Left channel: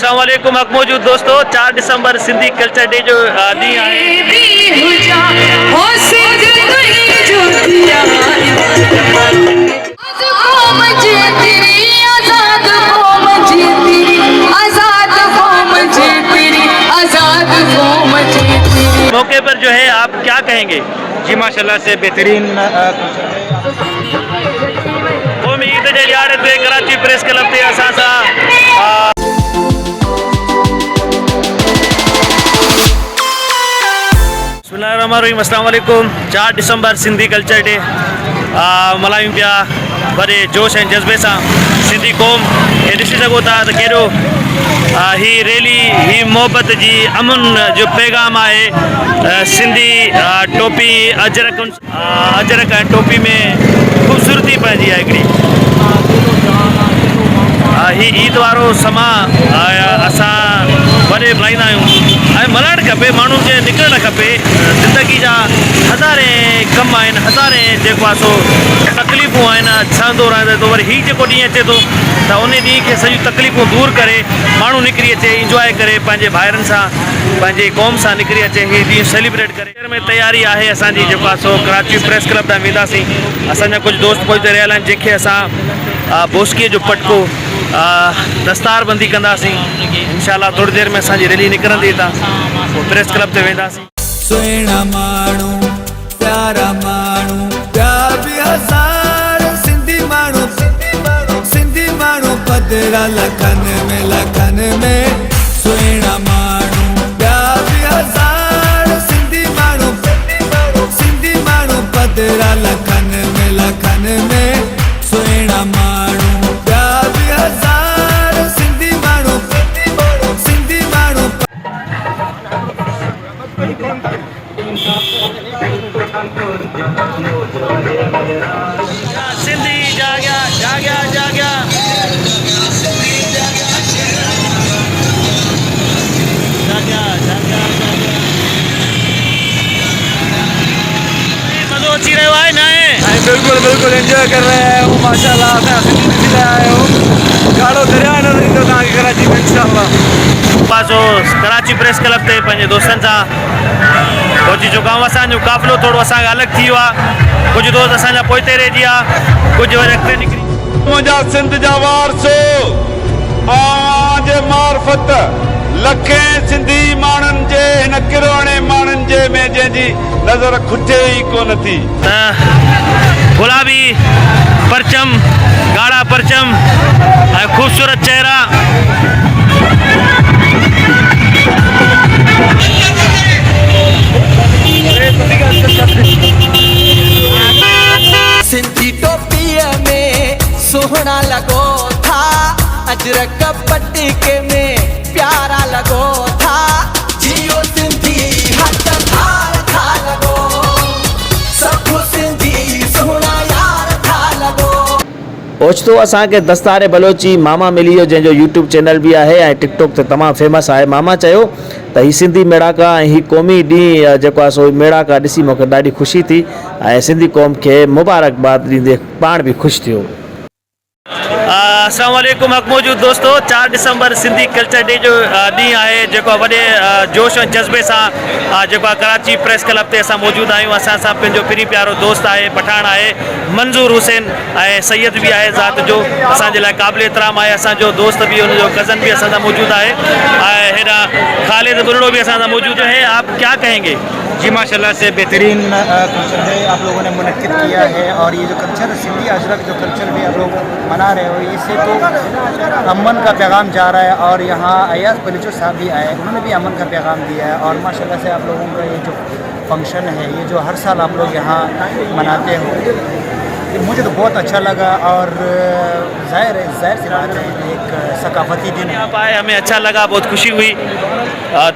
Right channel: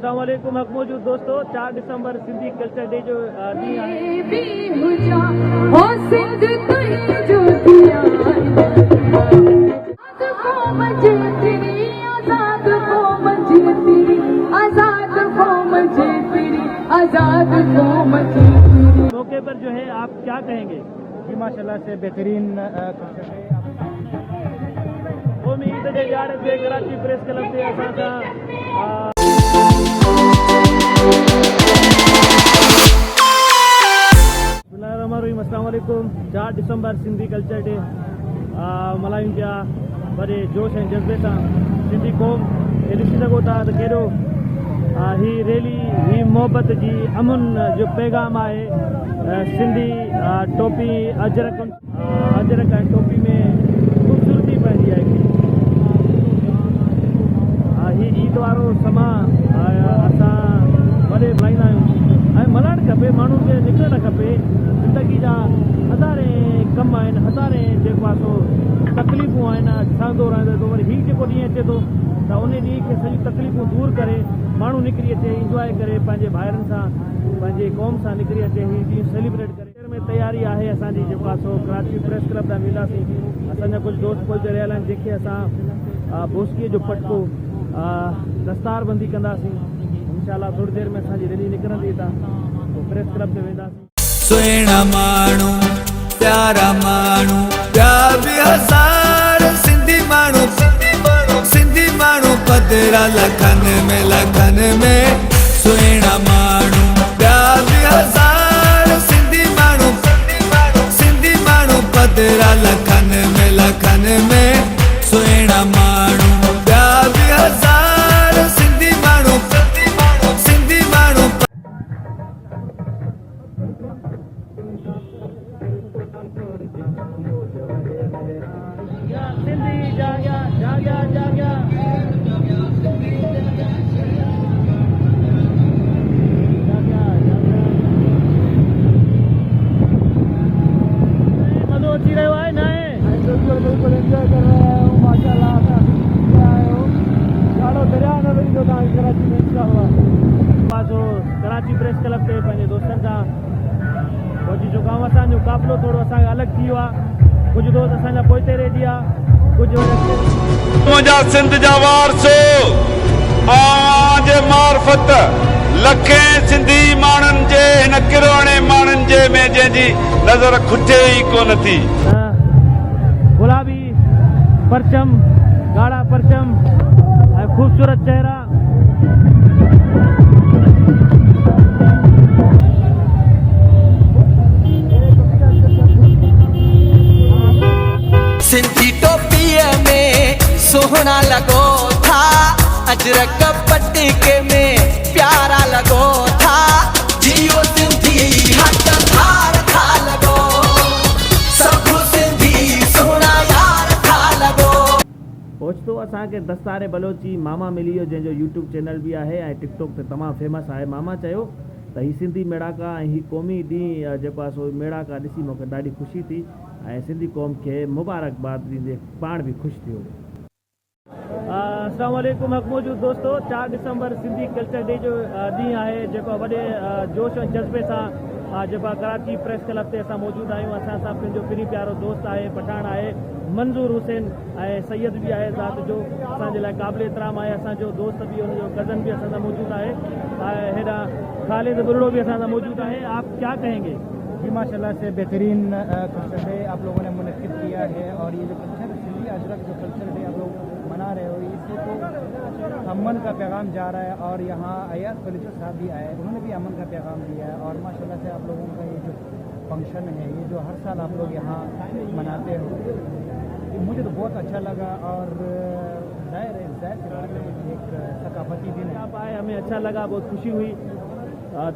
अस्सलाम वालेकुम हक मौजूद दोस्तों 4 दिसंबर सिंधी कल्चर डे जो ॾींहुं मौके पर जो है आप क्या कहेंगे? जी माशाल्लाह से बेहतरीन कौमी ईद जे ॾियारे ते कराची प्रेस क्लब ते असां सां बिस्मिल्लाहिर्रहमानिर्रहीम। अस्सलाम वालेकुम। 4 दिसंबर सिंधी कल्चर डे मल्हायूं पिया वॾे जोश ऐं जज़्बे सां। सिंधी क़ौम खे ॾिसी सघो था त कहिड़ो ही रैली ही मोहबत जी अमन जो पैगाम आहे। सिंधी टोपी अजरक ऐं टोपी में ख़ूबसूरती पंहिंजी आहे हिकिड़ी। ही ईद वारो समा असां वॾे मल्हाईंदा आहियूं ऐं मल्हाइणु खपे। माण्हुनि खे निकिरणु खपे। ज़िंदगी जा हज़ारे कम आहिनि, हज़ारे जेको आहे सो तकलीफ़ूं आहिनि। सहंदो रहंदो त वरी हीउ जेको ॾींहुं अचे थो त उन ॾींहुं खे सॼियूं तकलीफ़ूं दूर करे माण्हू निकिरी अचे, इंजॉय करे, पंहिंजे भाइरनि सां पंहिंजे क़ौम सां निकिरी अचे, हीउ ॾींहुं सेलिब्रेट करे। में तयारी आहे असांजी जेको आहे सो कराची प्रेस क्लब तां वेंदासीं। असांजा कुझु दोस्त पहुते रहियल आहिनि जंहिंखे असां बोस्कीअ जो पटको दस्तारबंदी कंदासीं। इंशाल्लाह थोड़ी देर में असांजी रैली निकिरंदी हितां, प्रेस क्लब ते वेंदासीं। सुहिणा माण्हू प्यारा माण्हू प्यार बि हज़ार सिंधी माण्हू पधरा लखनि में सुहिणा माण्हू प्यार बि हज़ार सिंधी माण्हू पधरा लखनि में सुहिणा माण्हू प्यार बि हज़ार सिंधी माण्हू सिंधी जाग्या जाग्या जाग्या मज़ो अची रहियो आहे न? बिल्कुल एंजॉय कर रहे हैं वो माशाल्लाह। आए हो गाड़ो दरिया नज़र ईंदो तव्हांखे कराची में इंशाल्लाह। पासो कराची प्रेस क्लब ते पंहिंजे दोस्तनि सां पहुची चुका आहियूं। असांजो काफ़िलो थोरो असांखे अलॻि थी वियो आहे। कुझु दोस्त असांजा पोइते रहिजी विया, कुझु वरी अॻिते निकिरी। मुंहिंजा सिंध जा वारसो आज मार्फत लखे सिंधी माण्हुनि जे हिन किरोणे माण्हुनि जे में जंहिंजी नज़र खुटे ई कोन थी। गुलाबी परचम, गाढ़ा परचम ऐं ख़ूबसूरत चेहरा। सिंधी टोपीअ में सुहिणा लॻो था, अजरक पटके में प्यारा लॻो था, जियो सिंधी हथ थार था लॻो, सभु सिंधी सुहिणा यार था लॻो। ओचितो असांखे दस्तारे बलोची मामा मिली वियो, जंहिंजो यूट्यूब चैनल बि आहे ऐं टिकटॉक ते तमामु फेमस आहे। मामा चयो त हीउ सिंधी मेड़ाका ऐं हीउ क़ौमी ॾींहुं जेको आहे सो मेड़ाका ॾिसी मूंखे ॾाढी ख़ुशी थी ऐं सिंधी क़ौम खे मुबारकबाद ॾींदे पाण बि ख़ुशि थियो। अस्सलाम वालेकुम हक मौजूद दोस्तों 4 दिसंबर सिंधी कल्चर डे जो ॾींहुं आहे जेको वॾे जोश ऐं जज़्बे सां जेको आहे कराची प्रेस क्लब ते असां मौजूदु आहियूं। असां सां पंहिंजो पिरी प्यारो दोस्त आहे, पठान आहे मंज़ूर हुसैन ऐं सैयद बि आहे ज़ात जो, असांजे लाइ क़ाबिल एतिराम आहे। असांजो दोस्त बि हुनजो कज़न बि असां सां मौजूदु आहे ऐं हिन ख़ालिद बुरड़ो भी असां सां मौजूदु है। आप क्या कहेंगे? जी माशाल्लाह से बेहतरीन कल्चर है आप लोगों ने मुनक्किद किया है। और ये जो कल्चर सिंधी अजरक जो कल्चर भी आप लोग मना रहे हो, इससे तो अमन का पैगाम जा रहा है। और यहाँ अयाज बलूचो साहब भी आए, उन्होंने भी अमन का पैगाम दिया है। और माशाल्लाह से आप लोगों का ये जो फंक्शन है, ये जो हर साल आप लोग यहाँ मनाते हो, मुझे तो बहुत अच्छा लगा। और जाहिर सी बात है एक सकाफती दिन आप आए, हमें अच्छा लगा, बहुत खुशी हुई।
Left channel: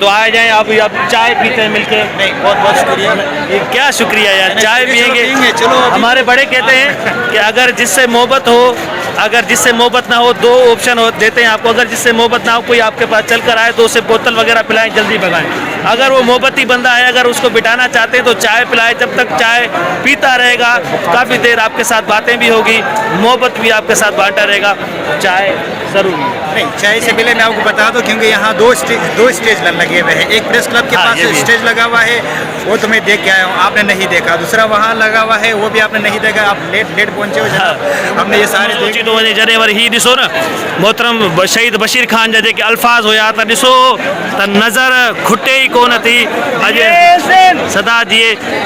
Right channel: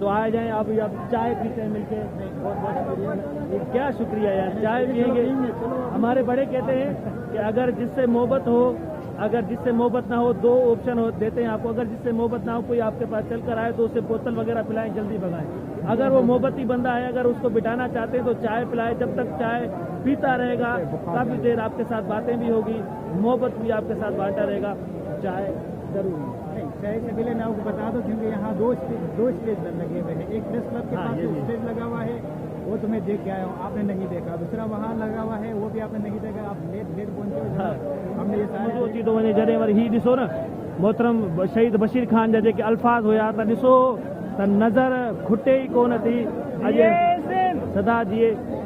तो आ जाएं आप चाय पीते हैं मिलके। नहीं, बहुत बहुत शुक्रिया। ये क्या शुक्रिया यार, चाय पियेंगे। चलो हमारे बड़े कहते हैं कि अगर जिससे मोहब्बत हो, अगर जिससे मोहब्बत ना हो, 2 ऑप्शन देते हैं आपको। अगर जिससे मोहब्बत ना हो, कोई आपके पास चल कर आए तो उसे बोतल वगैरह पिलाएं, जल्दी भगाएं। अगर वो मोहब्बती बंदा है, अगर उसको बिठाना चाहते हैं तो चाय पिलाएं। जब तक चाय पीता रहेगा काफ़ी देर आपके साथ बातें भी होगी, मोहब्बत भी आपके साथ बांटा रहेगा। चाय ज़रूरी है। नहीं, चाय से पहले मैं आपको बता दूं, क्योंकि यहाँ दो स्टेज लगे हुए हैं। एक प्रेस क्लब के हाँ, पास ये भी। स्टेज लगा हुआ है, वो तो मैं देख के आया हूँ, आपने नहीं देखा। दूसरा वहाँ लगा हुआ है, वो भी आपने नहीं देखा, आप लेट पहुँचे हो जनाब। हमने ये सारे सोची देख थो वञे जॾहिं वरी हीउ ॾिसो न मोहतरम शहीद बशीर ख़ान जा जेके अल्फाज़ हुया त ॾिसो त नज़र खुटे ई कोन थी। अॼु सदा जी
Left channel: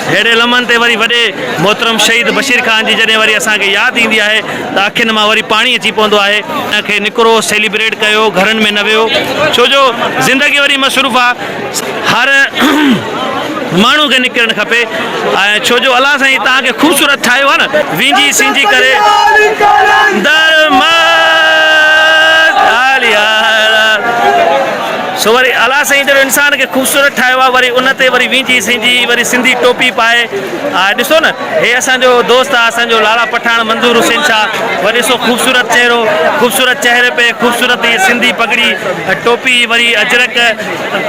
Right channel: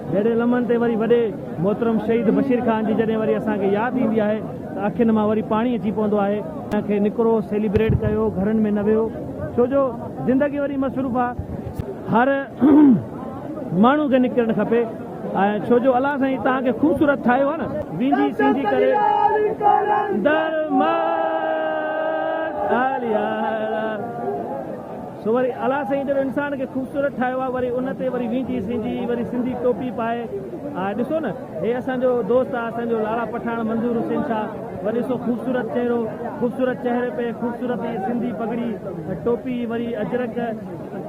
हेड़े लम्हनि ते वरी वॾे मोहतरम शहीद बशीर ख़ान जी जॾहिं वरी असांखे यादि ईंदी आहे त अखियुनि मां वरी पाणी अची पवंदो आहे। हिनखे निकिरो, सेलिब्रेट कयो, घरनि में न वियो, छो जो ज़िंदगी वरी मसरूफ़ आहे। हर माण्हू खे निकिरणु खपे, ऐं छो जो अलाह साईं तव्हांखे ख़ूबसूरत ठाहियो आहे न, विंझी सिंझी करे सो वरी अलाह साईं जहिड़ो इंसान खे ख़ूबसूरत ठाहियो आहे, वरी उन ते वरी विंझी सिंझी वरी सिंधी टोपी पाए। ॾिसो न, हे असांजो दोस्त आहे, असांजो लाला पठान मंज़ूर हुसैन शाह, वरी ॾिसो ख़ूबसूरत चेहरो, ख़ूबसूरत चेहरे पे खूबसूरत ये सिंधी पगड़ी, टोपी, वरी अजरक,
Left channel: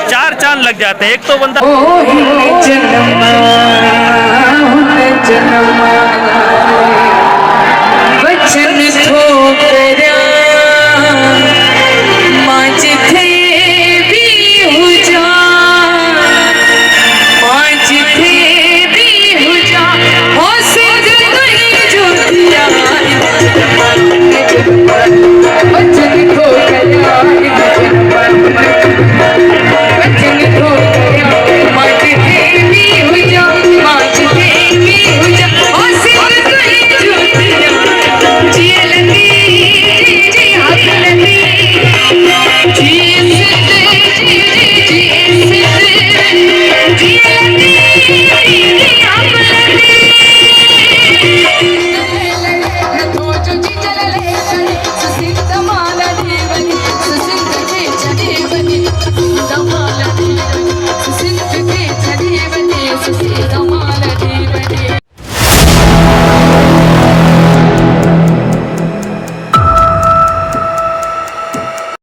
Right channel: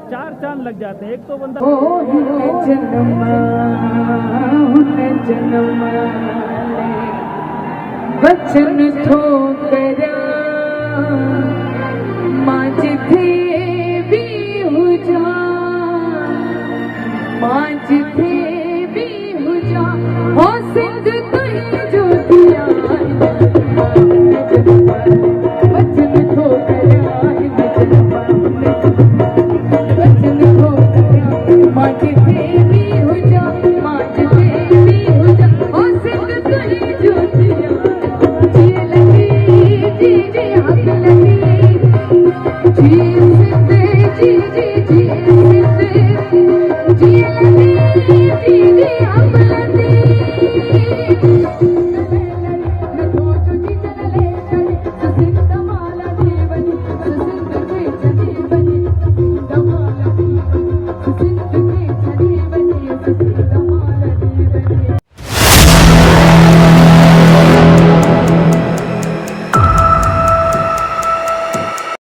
चार चांद लग जाते हैं। एक तो बंदा बचन थो करिया